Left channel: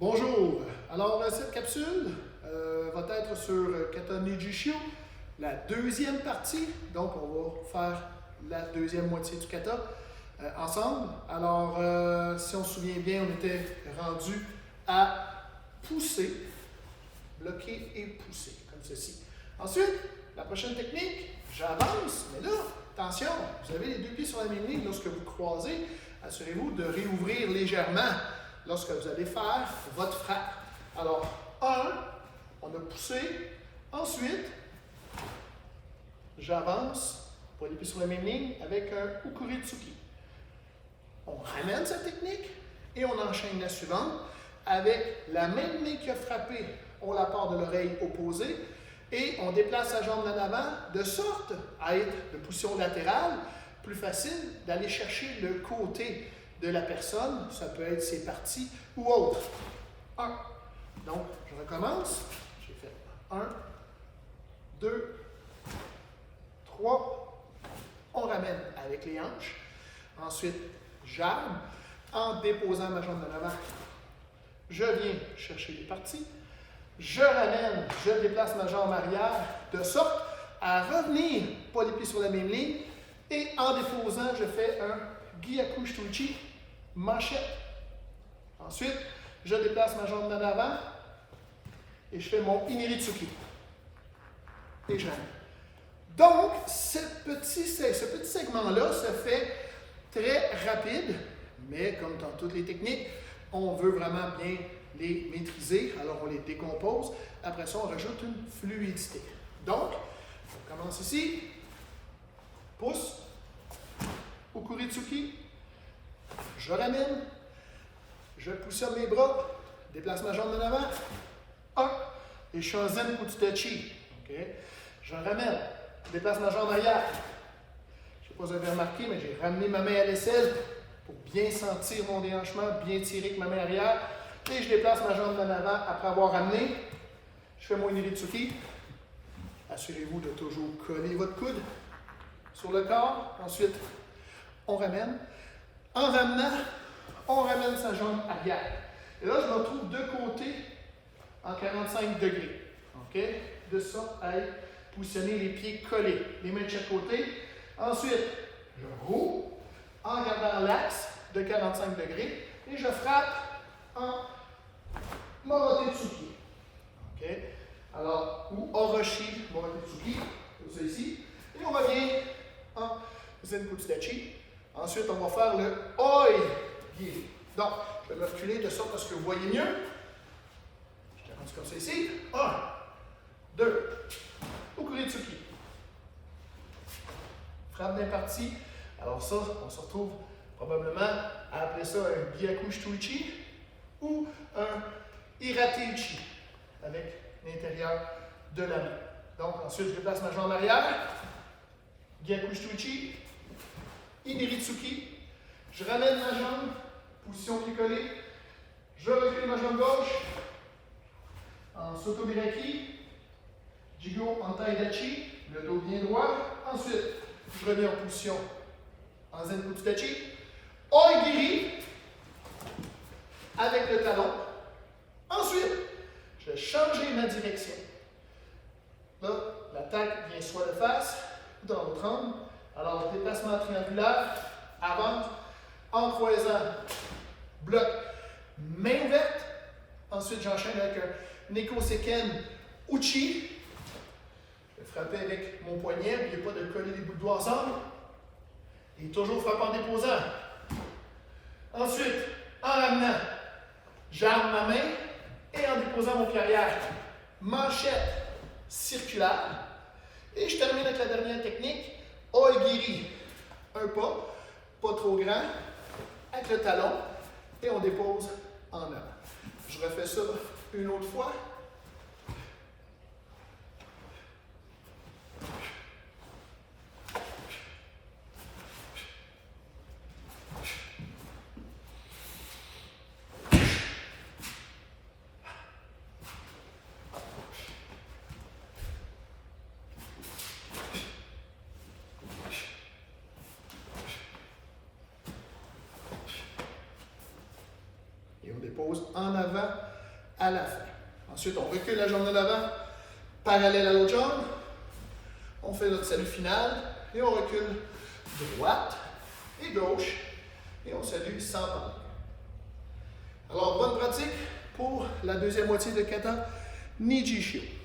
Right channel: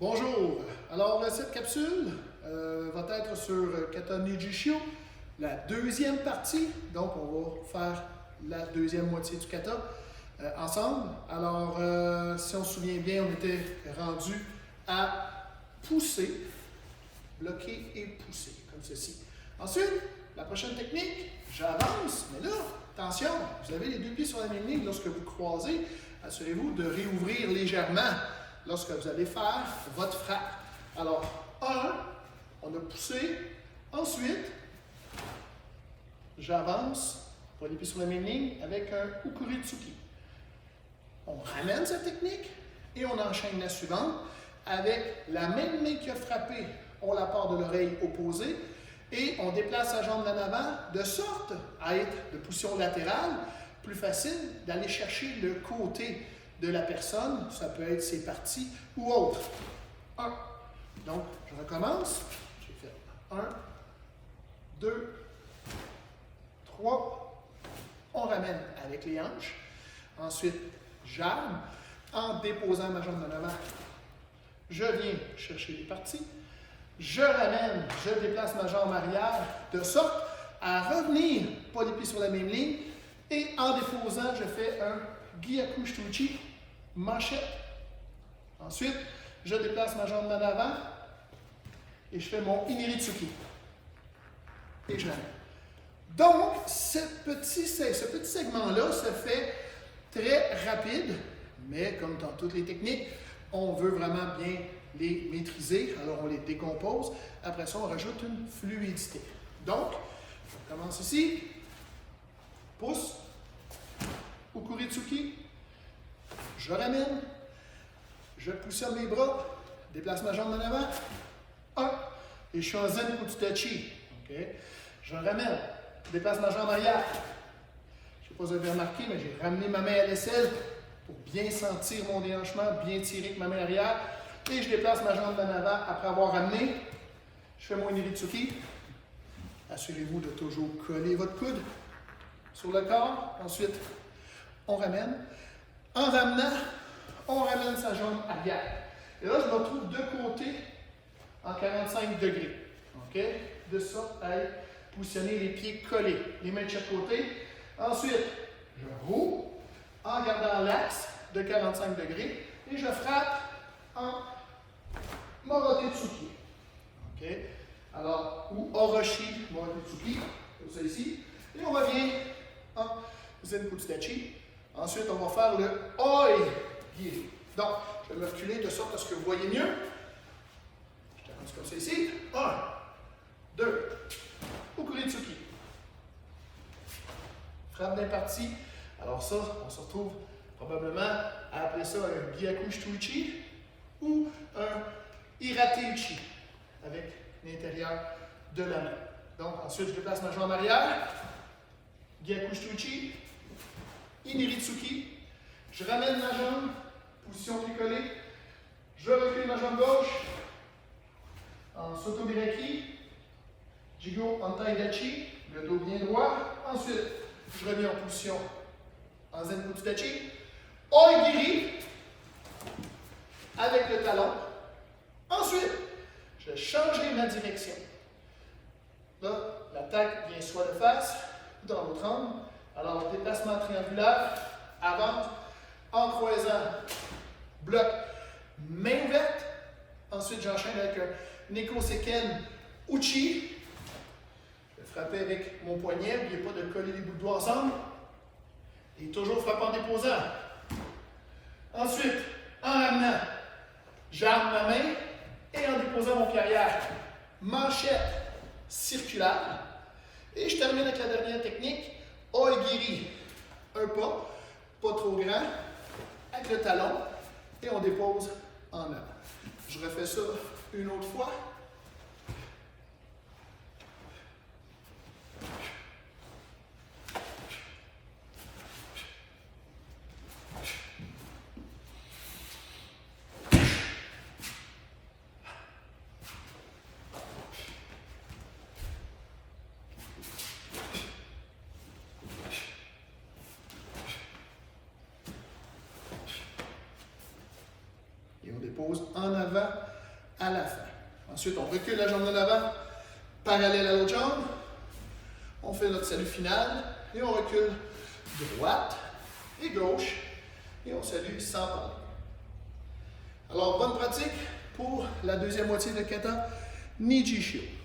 Bonjour! Alors, cette capsule va être sur Kata Nijishio, la deuxième partie. Donc, on va faire la deuxième moitié du kata ensemble. Alors, si on se souvient bien, on était rendu à pousser, bloquer et pousser, comme ceci. Ensuite, la prochaine technique, j'avance, mais là, attention, vous avez les deux pieds sur la même ligne lorsque vous croisez. Assurez-vous de réouvrir légèrement lorsque vous allez faire votre frappe. Alors, on a poussé. Ensuite, j'avance, pas les pieds sur la même ligne, avec un Ukuritsuki. On ramène cette technique et on enchaîne la suivante avec la même main qui a frappé. On la part de l'oreille opposée et on déplace sa jambe en avant de sorte à être de position latérale, plus facile d'aller chercher le côté de la personne. Ça peut être ses parties ou autres. 1. Donc, je recommence. J'ai fait 1, 2, 3. On ramène avec les hanches. Ensuite, j'arme en déposant ma jambe en avant. Je viens chercher les parties. Je ramène, je déplace ma jambe arrière de sorte à revenir, pas les pieds sur la même ligne. Et en déposant, je fais un Gyaku Shituichi, manchette. Ensuite, je déplace ma jambe en avant et je fais mon Iniritsuki. Et je ramène. Donc, ce petit segment-là se fait très rapide, mais comme dans toutes les techniques, on veut vraiment bien les maîtriser, alors on les décompose. Après ça, on rajoute une fluidité. Donc, on commence ici. Pousse. Ukuritsuki. Je ramène. Je pousse mes bras. Déplace ma jambe en avant. 1. Et je suis en zen kutsudachi. Okay. Je ramène. Déplace ma jambe arrière. Je ne sais pas si vous avez remarqué, mais j'ai ramené ma main à l'aisselle pour bien sentir mon déhanchement, bien tirer avec ma main arrière. Et je déplace ma jambe en avant après avoir ramené. Je fais mon Iniritsuki. Assurez-vous de toujours coller votre coude sur le corps. Ensuite, on ramène. En ramenant, on ramène sa jambe arrière. Et là, je me retrouve de côté en 45 degrés. OK? De sorte à positionner les pieds collés, les mains de chaque côté. Ensuite, je roule en gardant l'axe de 45 degrés et je frappe en Morotei-tsuki. OK? Alors, ou Oroshi Morotei-tsuki, comme ça ici. Et on revient en Zen Kutsudachi. Ensuite, on va faire le Oi-giri. Donc, je vais me reculer de sorte à ce que vous voyez mieux. Je t'arrête comme ça ici. 1, 2, Ukuritsuki. Frappe bien partie. Alors ça, on se retrouve probablement à appeler ça un Gyaku Shituichi ou un Irateichi avec l'intérieur de la main. Donc ensuite, je déplace ma jambe arrière, Gyaku Shituichi, Iniritsuki, je ramène ma jambe, position picolée, je recule ma jambe gauche, en Sotomiraki, Jigo Antaidachi, le dos bien droit. Ensuite, je reviens en position en Zen Kutsudachi, Oi-giri avec le talon. Ensuite, je changerai ma direction. Là, l'attaque vient soit de face ou dans l'autre angle. Alors, déplacement triangulaire, avant, en croisant, bloc, main ouverte. Ensuite, j'enchaîne avec un Neko Seken Uchi. Je vais frapper avec mon poignet, n'oubliez pas de coller les bouts de doigts ensemble. Et toujours frappe en déposant. Ensuite, en ramenant, j'arme ma main et en déposant mon pied arrière, manchette circulaire. Et je termine avec la dernière technique, Oi-giri. Un pas, pas trop grand, avec le talon et on dépose en avant. Je refais ça une autre fois. Et on dépose en avant à la fin. Ensuite, on recule la jambe de l'avant, parallèle à l'autre jambe. On fait notre salut final et on recule droite et gauche et on salue sans pendre. Alors, bonne pratique pour la deuxième moitié de kata Niji Sho.